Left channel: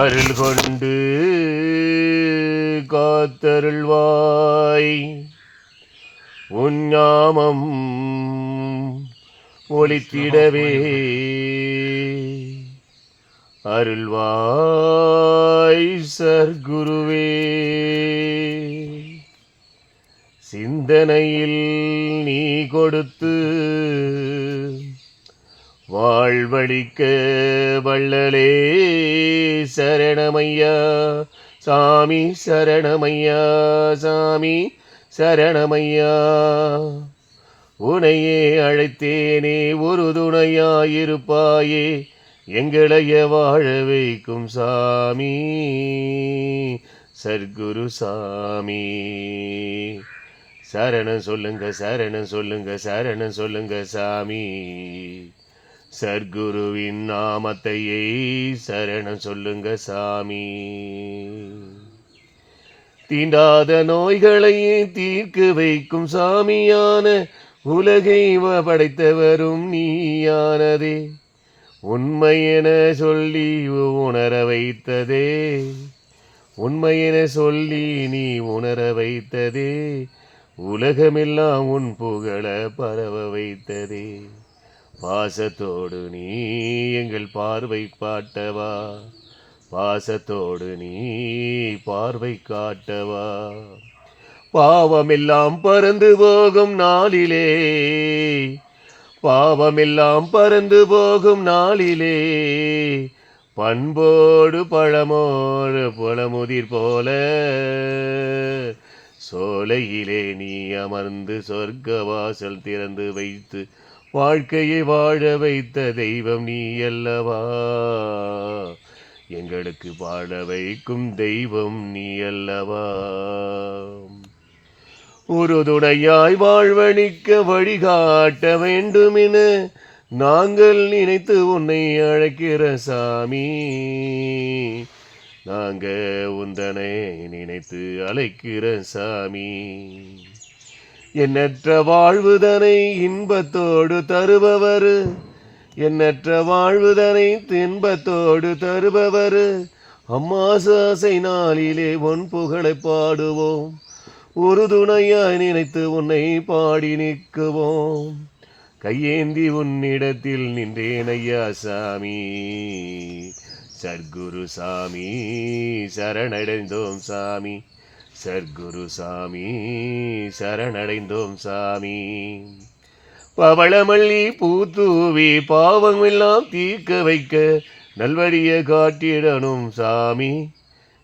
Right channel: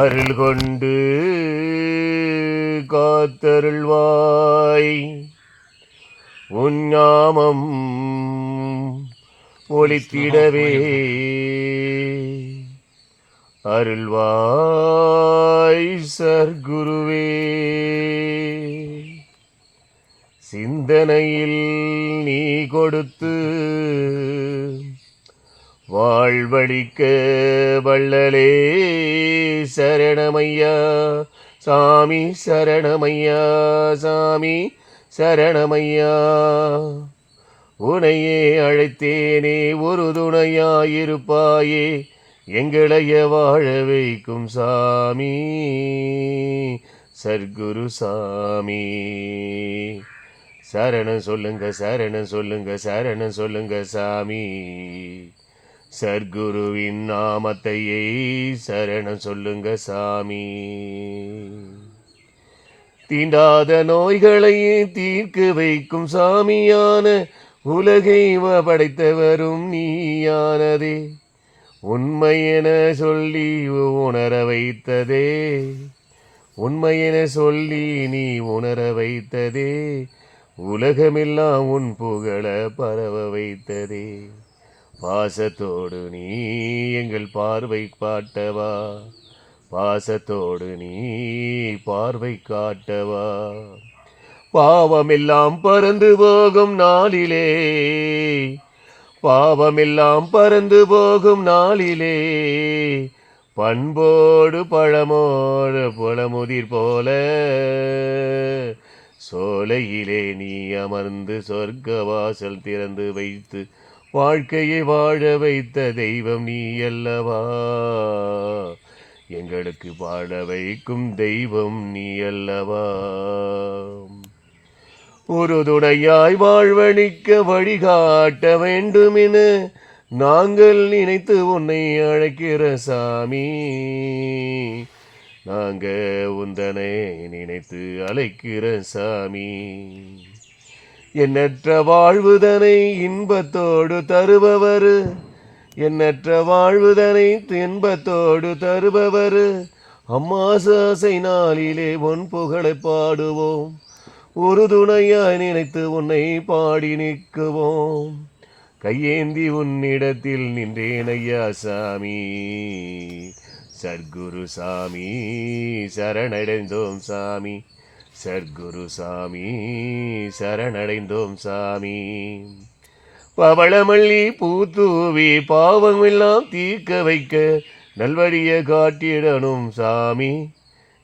அருள் கொண்டு காத்தருள்வாய் உன்னாமம் ஒளித்திடவே அருள்வாய் சர்க்குருவே. சிந்தனையில் நீ கொடுத்து வாழ்வழிக்க வள்ளலே சரணமையா சாமி, சரணமையா சாமி, சரணமையா. உனையே அழைத்தேனே ஒரு துணையாயிருப்பாயே, எங்களைய வாழ வைக்கும் சாமி சர்க்குரு சாமி. சரணம் சொல்லுங்க, சரணம் சொல்லுங்க, சரணம் சொல்லுங்க சாமி. சர்க்குருவின் நாமத்தையே சரணம் சொல்லுங்க சாமி. தீண்டாத நோய்களையே தீர்க்க வைக்கும் சாமியான உலகை படைத்தவரும் நீயானதே. உண்மையென சொல்லி உணர வைத்ததே, உண்மையென சொல்லி நீ உணர வைத்ததே. உலகமெல்லாம் உன் புகழ பரவ வைத்ததே. பாசத்தோடு நீ எங்கள் பார்வை காட்டவா, பாசத்தோடு நீ பார்வை காட்டவா. பாவமெல்லாம் பறந்து போகும் நாளிலே, பாவமெல்லாம் பறந்து போகும் நாளிலே, பண்போடு பழமோடு புலமுதிர் போல சோலையிலே நீ அமர்ந்து சொர்க்க வாசல் திறந்து வைத்து வாழ்க்கையை வாழ வைத்த தெய்வம் நீ அல்லவா. எங்களுக்கு வாழ வைக்கும் தெய்வம் நீ அல்லவா. ஒரு துணையாய் வாழ்வழிக்க வழிகாட்ட வேண்டுமென நாங்கள் நினைத்து உன்னை அழைக்கிற சாமி. நாங்க உந்தனை நினைத்து அழைக்கிற சாமி. எண்ணற்ற வாழ்வுதனை இன்பத்தோடு தருபவர், எண்ணற்ற வாழ்வுதனை இன்பத்தோடு தருபவர். அம்மாசாசை நாளிலே உன் புகழை பாடுவோம், ஒரு துணையாய் நினைத்து உன்னை பாடி நிற்குவோம். கையேந்தி உன்னிடத்தில் நின்றேன் ஐயா சாமி சர்க்குரு சாமி. சரணடைந்தோம் சாமி சர்க்குரு சாமி, சரணடைந்தோம் சாமி. பவளமல்லி பூத்தூவி பாவமெல்லாம் தீர்க்க வைக்க நல்வழியை காட்டிடணும் சாமி,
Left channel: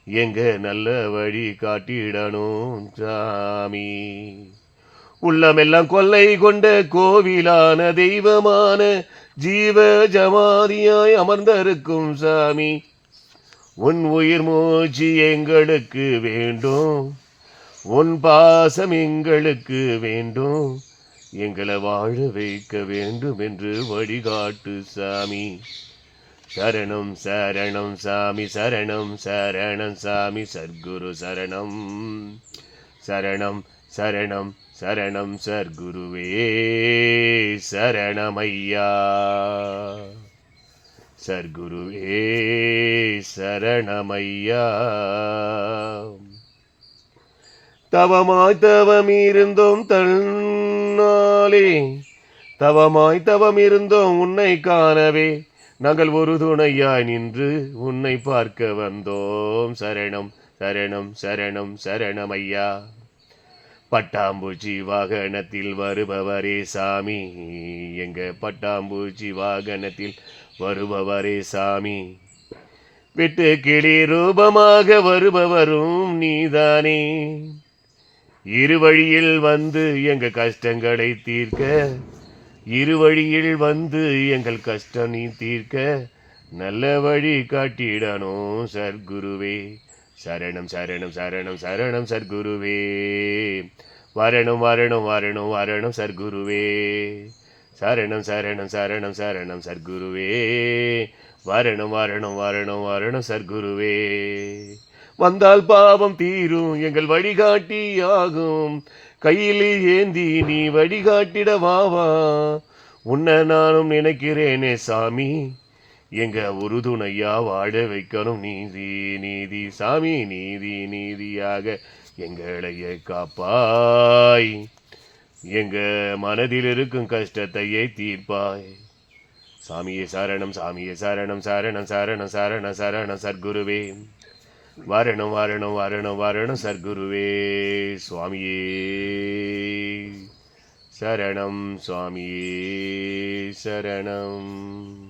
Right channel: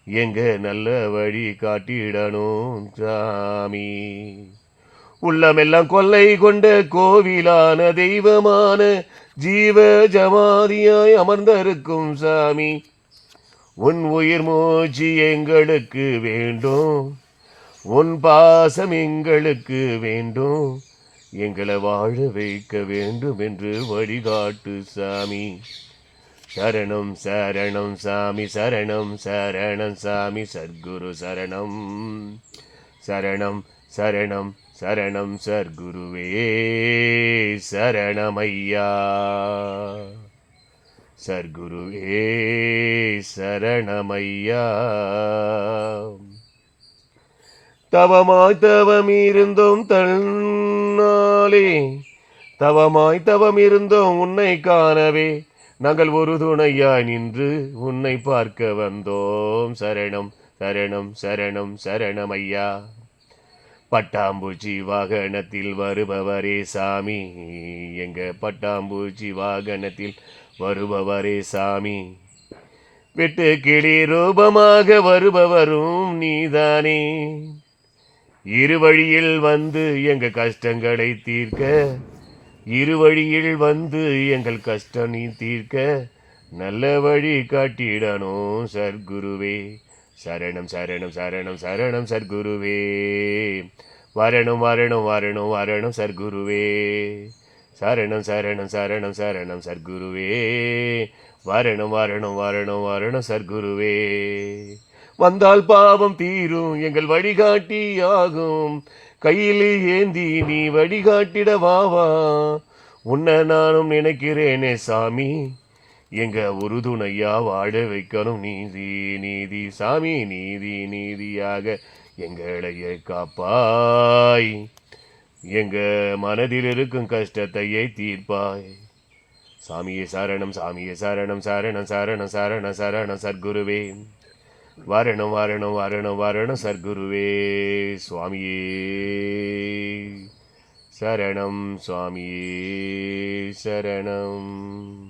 எங்க நல்ல வழி காட்டிடணும் சாமி. உள்ளமெல்லாம் கொள்ளை கொண்ட கோவிலான தெய்வமான ஜீவ ஜமாதியாய் அமர்ந்திருக்கும் சாமி. உன் உயிர் மூச்சு எங்களுக்கு வேண்டும், உன் பாசம் எங்களுக்கு வேண்டும். எங்களை வாழ வைக்க வேண்டும் என்று வழிகாட்டு சாமி. சரணம் சரணம் சாமி, சரணம் சரணம் சாமி. சர்க்குரு சரணம், சரணம் சரணம் சரணம் சர்க்குருவே சரணமையா. சர்க்குருவே சரணமையா. தவமாய் தவம் இருந்தோம் தன்னாலே, தவமாய் தவம் இருந்தோம் உன்னை காணவே. நாங்கள் ஒரு துணையாய் நின்று உன்னை பார்க்க வந்தோம். சரணம் சரணம் சரணம் சரணமையா. பட்டாம்பூச்சி வாகனத்தில் வருபவரே சாமி, எங்க பட்டாம்பூச்சி வாகனத்தில் வருபவரே சாமி. வெட்டு கிளி ரூபமாக வருபவரும் நீதானே. இருவழியில் வந்து எங்க கஷ்டங்களை தீர்க்க, இருவழியில் வந்து எங்கள் கஷ்டம் நீ தீர்க்க நல்ல வழி காட்டிடணும் சர்க்குருவே. சரணம் சரணம் சரணம் சரணம் சர்க்குருவே. வரணும் வரணும் வரணும் வரணும் சர்க்குருவே. சரணம் சரணம் சரணம் சரணம் சர்க்குருவே. வரணும் வரணும் வரணும் வரணும் சர்க்குருவே. வந்தால் பாவம் தீரும் எங்கள் வழிகாட்டி ஆகும். கையில் ஏந்தி நீ வழிகாட்டிட வாவா. உன்னை நானும் நினைக்கிறேனே சாமி, எங்க உறுதுணையா வாழ வைக்கணும் நீதி நீதி சாமி நீதி நீதியாக எங்களையே காப்பாய். எங்க மனதில் இருக்கும் கஷ்டத்தையே தீர்ப்பாய். சாமியே சரணம் சாமியே சரணம் சரணம் சரணம் சரணம் சரணம் சர்க்குருவே. வரணும் வரணும் வரணும் வரணும் சர்க்குருவே. சுவாமியே சரணம் சுவாமியே சரணம்.